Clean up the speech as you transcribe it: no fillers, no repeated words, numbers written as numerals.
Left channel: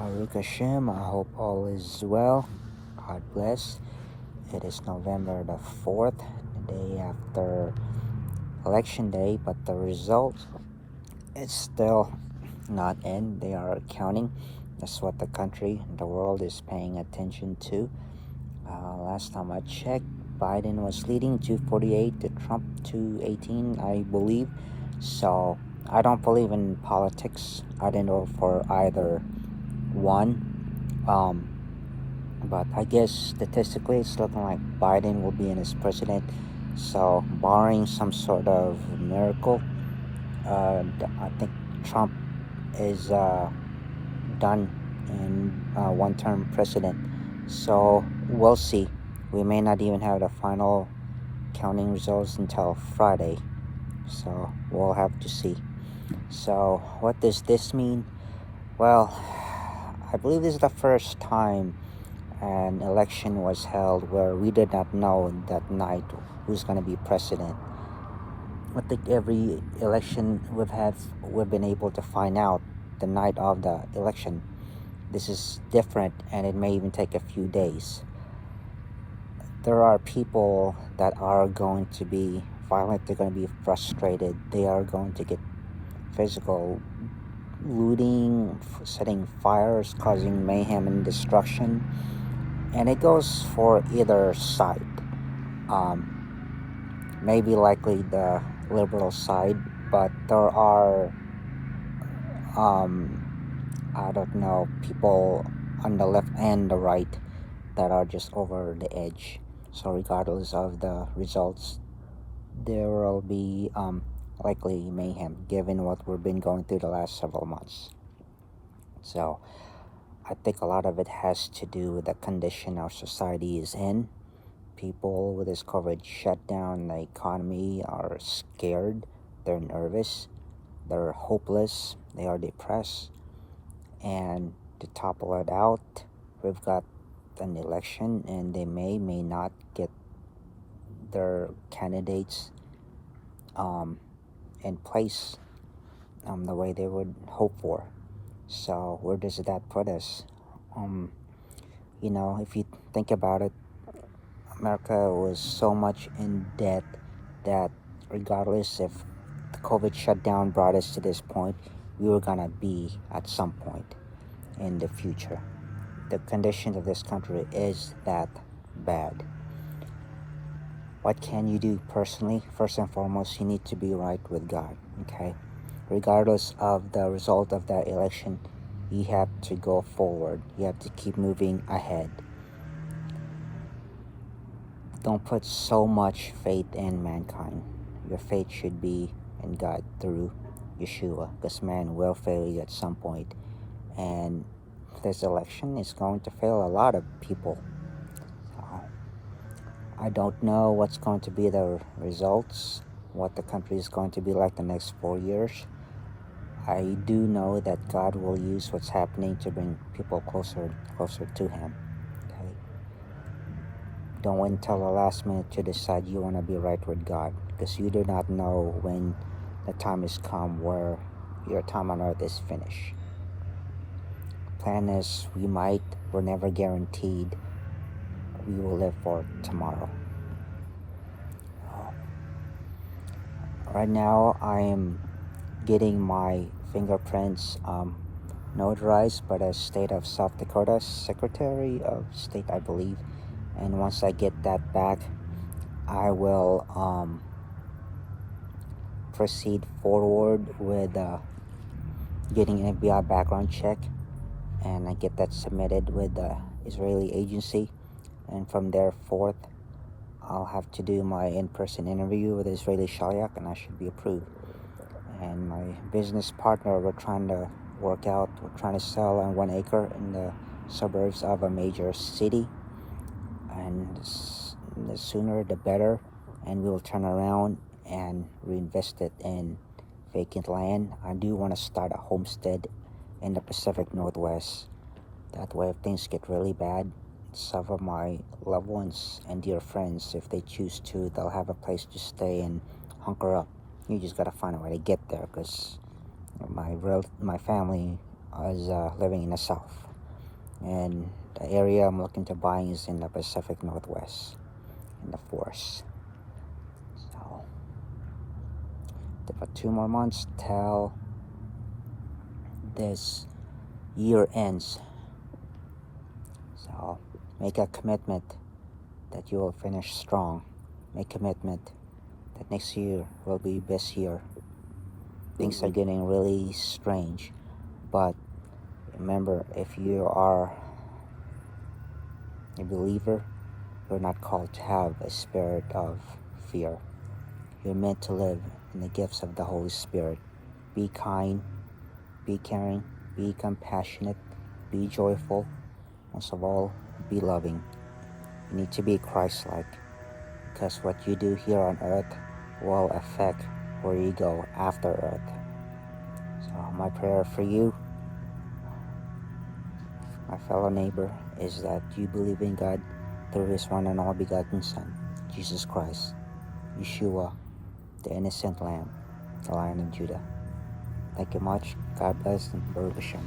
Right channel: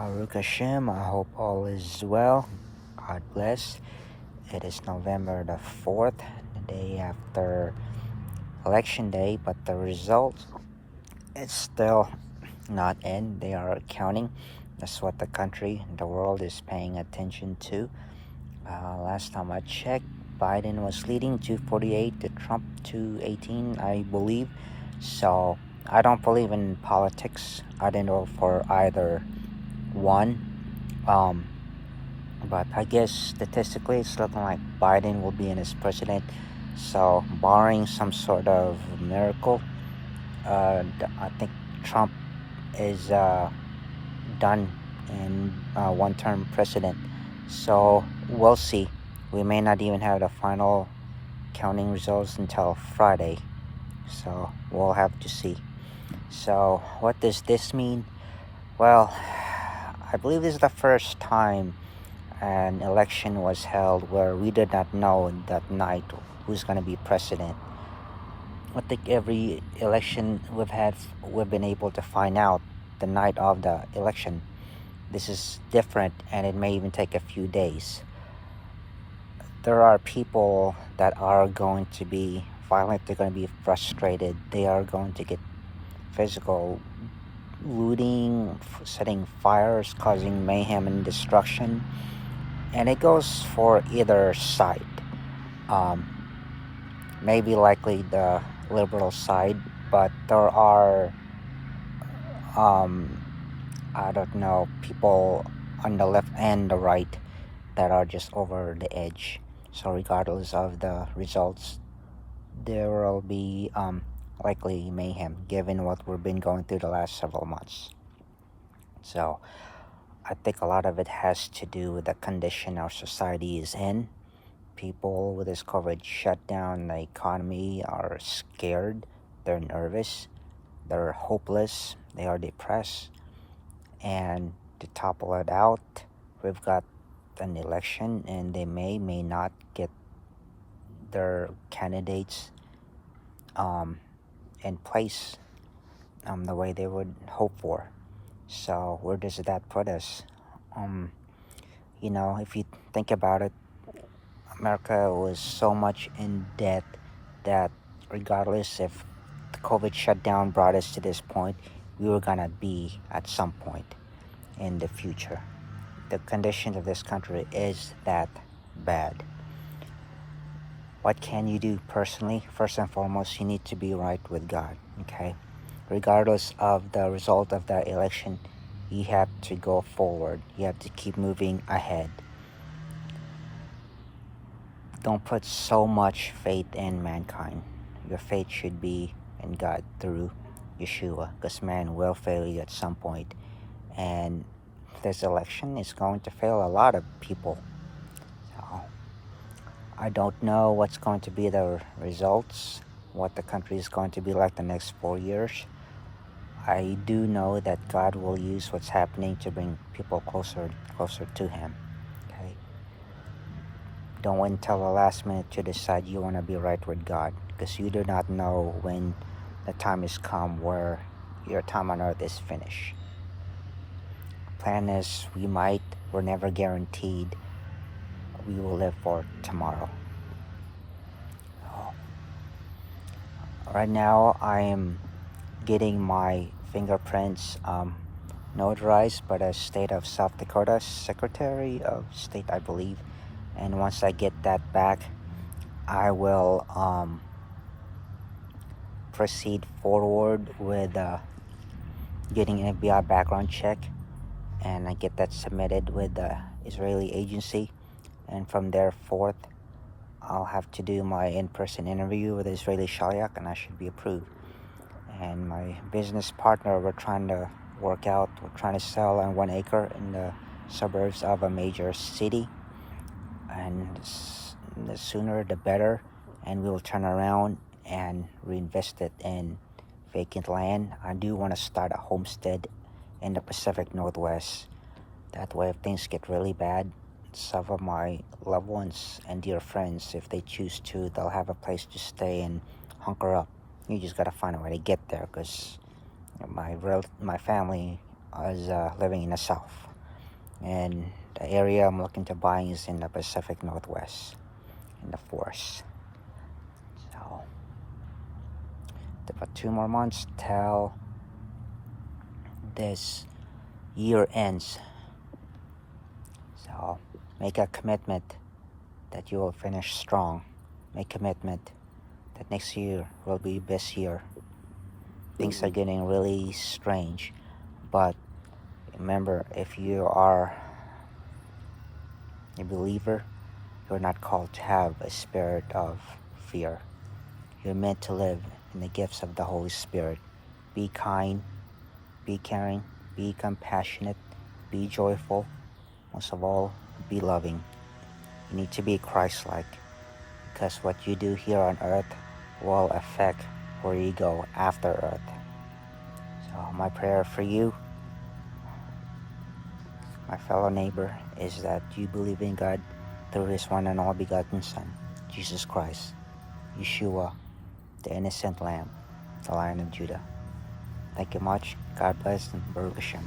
Baruch HaShem, I hope all is well. God bless. It is November the 4th, the day after Election Day, but the result is still not in. They are counting. That's what the country, the world is paying attention to. Last time I checked, Biden was leading 248 to Trump 218, I believe. So I don't believe in politics. I don't know for either one. But I guess statistically it's looking like Biden will be in as president. So barring some sort of miracle, I think Trump is done in one-term president. So we'll see. We may not even have the final counting results until Friday. So we'll have to see. So what does this mean? Well, I believe this is the first time an election was held where we did not know that night who's going to be president. I think every election we've been able to find out the night of the election. This is different, and it may even take a few days. There are people that are going to be violent. They're going to be frustrated. They are going to get physical, looting, setting fires, causing mayhem and destruction. And it goes for either side. Maybe likely the liberal side, but there are I don't know, people on the left and the right that are just over the edge. So regardless of the results, there will be likely mayhem given what we've been going through the last several months. So I think a lot of it has to do with the condition our society is in. People with this COVID shutdown, the economy are scared, they're nervous, they're hopeless, they are depressed. And to topple it out, we've got an election, and they may not get their candidates in place the way they would hope for. So where does that put us? If you think about it, America was so much in debt that regardless if the COVID shutdown brought us to this point, we were gonna be at some point in the future. The condition of this country is that bad. What can you do personally? First and foremost, you need to be right with God, okay? Regardless of the result of the election, you have to go forward. You have to keep moving ahead. Don't put so much faith in mankind. Your faith should be in God through Yeshua, because man will fail you at some point. And this election is going to fail a lot of people. So, I don't know what's going to be the results, what the country is going to be like the next 4 years. I do know that God will use what's happening to bring people closer to Him. Okay? Don't wait until the last minute to decide you want to be right with God, because you do not know when the time has come where your time on earth is finished. Plan is we're never guaranteed we will live for tomorrow. Right now I am getting my fingerprints notarized by the state of South Dakota Secretary of State, I believe. And once I get that back, I will proceed forward with getting an FBI background check, and I get that submitted with the Israeli agency, and from there forth I'll have to do my in-person interview with the Israeli Shaliach, and I should be approved. And my business partner, we're trying to sell on 1 acre in the suburbs of a major city, and the sooner the better, and we will turn around and reinvest it in vacant land. I do want to start a homestead in the Pacific Northwest. That way, if things get really bad, some of my loved ones and dear friends, if they choose to, they'll have a place to stay and hunker up. You just gotta find a way to get there, because my family is living in the South. And the area I'm looking to buy is in the Pacific Northwest, in the forest. So, about 2 more months till this year ends. So, make a commitment that you will finish strong. Make commitment that next year will be best year. Things are getting really strange, but remember, if you are a believer, you're not called to have a spirit of fear. You're meant to live in the gifts of the Holy Spirit. Be kind, be caring, be compassionate, be joyful, most of all, be loving. You need to be Christ-like, because what you do here on earth will affect where you go after earth. So my prayer for you, my fellow neighbor, is that you believe in God through His one and all begotten Son, Jesus Christ, Yeshua, the innocent Lamb, the Lion of Judah. Thank you much. God bless, and Baruch HaShem.